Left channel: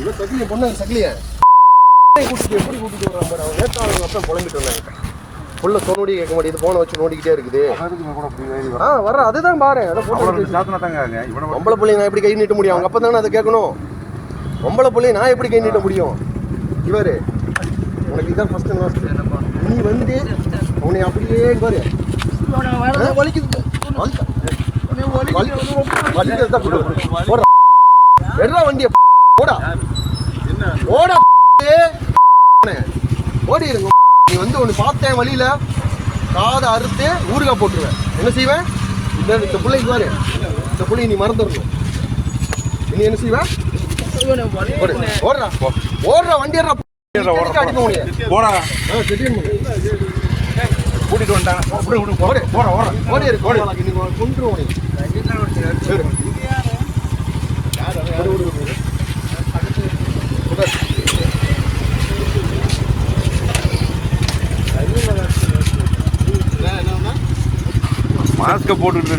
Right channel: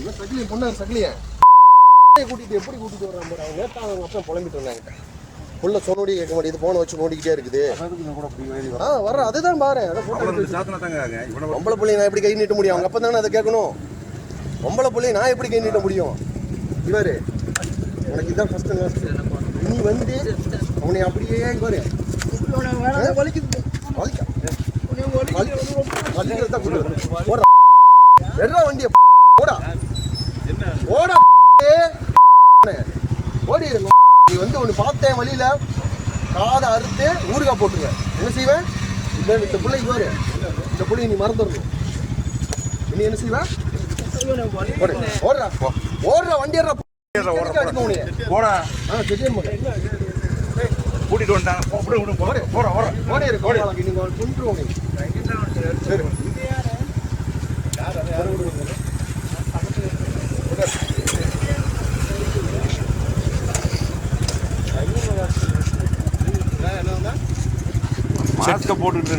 இவன் சக்கிலிய பொண்ணு சக்கிலிய கூட்டிட்டு எப்படி கூட்டிட்டு வரான் பாரு. அவன் நேத்தாளங்க அப்போ புலம்பிட்டு வந்தாங்க. புள்ள சொன்னோடி கேட்க மாட்டேங்குது, போனை வச்சு நோண்டிக்கிட்டே இருக்குது. வர அதுதான் பாரு. பொம்பளை பிள்ளைங்க நான் எப்படி கை நீட்ட முடியும்? அவங்க அப்போ தானே அதை கேட்கணும். பொம்பளை பிள்ளைங்க நான் எப்படி கை நீட்ட முடியும்? இவரு உனக்கு இதான் ஃபர்ஸ்ட் நீ வந்து உன்னை அப்படியே பாரு வண்டிய ஓடா ஓடா ஓடி இருங்க. நீ வந்து ஒன்று பார்த்தேன் வழியில காதை அறுத்து ஊறுகாய் போட்டுருவேன். என்ன செய்வேன்? இந்த பிள்ளைக்கு பாரு, இந்த பிள்ளை நீ மறந்துடணும். நீ என்ன செய்வேன்? ஓடுறா ஓடுறா வண்டி அடிக்க முடியாது. கூட்டிட்டு வந்தாங்க ஓடி இருக்கு. நீ கொண்டு ஓடி சரி மாஸ்க போட்டுட்டு